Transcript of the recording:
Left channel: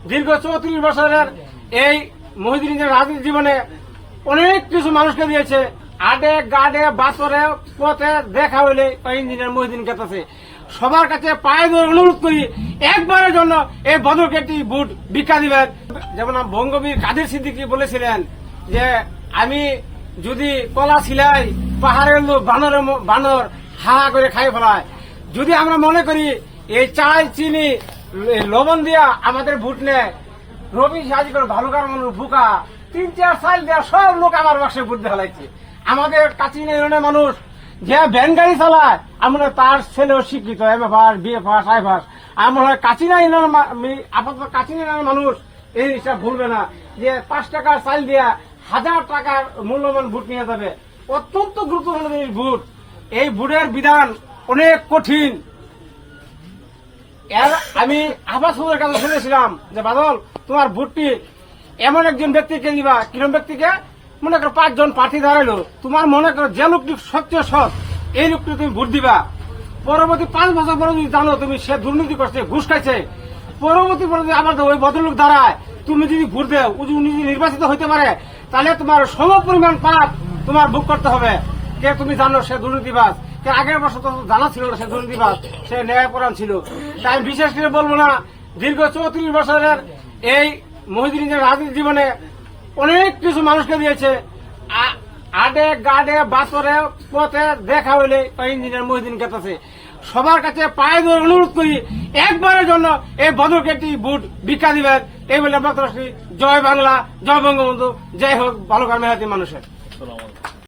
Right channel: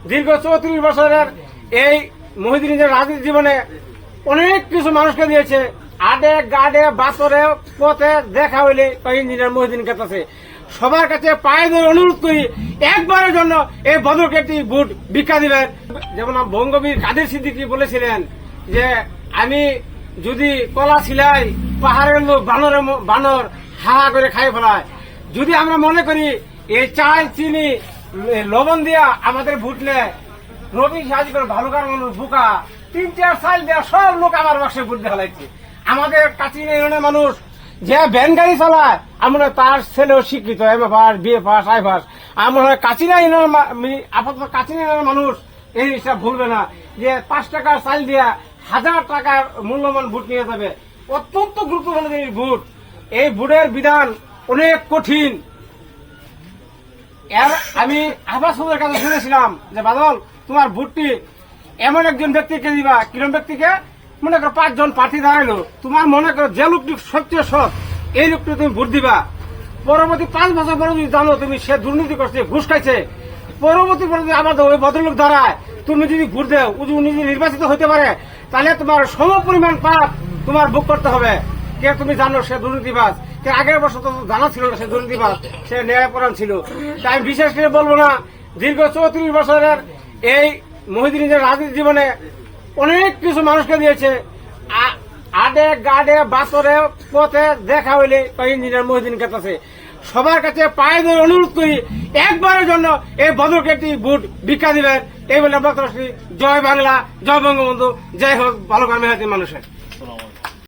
দীর্ঘ 34 বছরের এই মহিউদ্দিনের রাজনীতি জীবনে অনেক কিছু মানুষকে দিয়েছে। আডে গাডে বাতরে পথে দেখা হইলে ইঞ্জিনিয়ার মহিউদ্দিন কাছে সবার কাছে পায়ে ধরে অনুরোধ করি একবারের জন্য এই বদরকে একটি ভোট ভিক্ষা দিবেন। যেমন বঙ্গবীর কাদের সিদ্দিকী বলেছিলেন যে আমি যদি কলা ছিলাই পাহাড়ের লোক বানর হা করে খাই ফেলায়। যদি আমরা মনে করি এই চাল চিনি লবণ দিয়া আমাদের ভোট নেয়, রবি সাজি করে ভালুকার মানুষ বুকা 3-4 সাল দেওয়া সব লোক আমার বাসে ভোট দেখা লাগছে। আমাদের কাচিনা ইউনিয়নের মানুষ যে ভ্যান গাড়ি চালায় আমরা তার ছেলেও শিক্ষিত এমএ বিএ পাস আই পাস। আমরা কাচিনা ইউনিয়নের আপাতত কাচিনা ইউনিয়নের মানুষ এই হিসাব ভুলবে না যে 5 টাকার চাল দিয়া 1000 টাকার মূল্যবান ভোট নিয়ে যাবে। অত্যন্ত গুরুত্বপূর্ণ এই ভোট। এই ভোটের বিধান অনেক কঠিন। আমি আবাস কাছে শুনেছিলাম যে বাদল তোমার ভোটটি এমন একজন ব্যক্তিকে দিবা, কিরম ব্যক্তিকে মনে করো 5 জন প্রার্থী দাঁড়াইলো, তোমার মনে করো যে লোকটি সবচেয়ে সৎ এই লোকটি তুমি ভোট দিবা। পরবর্তী 5 বছর পরে যদি জানো তুমি সে দুর্নীতি করছে, ঘুষ খাইছে, পরবর্তী পরে যদি আবার ওই ভদ্রলোক দাঁড়ায় তুমি যদি ভোট দেও, উনি যদি নির্বাচিত হইতে পারে তাহলে তোমার সম পরিমাণ পাপ তোমার ভোগ করতে হবে। কে তুমি জানো সে দুর্নীতিবাজ, কে আগের বছর তো জানা ছিল না সে দুর্নীতিবাজ, সে ন্যায়পরায়ণ ছিল। তাই আমি বিশেষ করে বলবো না, দীর্ঘ 34 বছরের এই মহিউদ্দিনের রাজনীতি জীবনে অনেক কিছু মানুষকে দিয়েছে। আডে গাডে বাতরে পথে দেখা হইলে ইঞ্জিনিয়ার মহিউদ্দিন কাছে সবার কাছে পায়ে ধরে অনুরোধ করি একবারের জন্য এই বদরকে একটি ভোট ভিক্ষা দিবেন। এই বলে আমরা জয় বাংলা, জয় বঙ্গবন্ধু, জয় হোক ভালো মেহনতি মানুষের।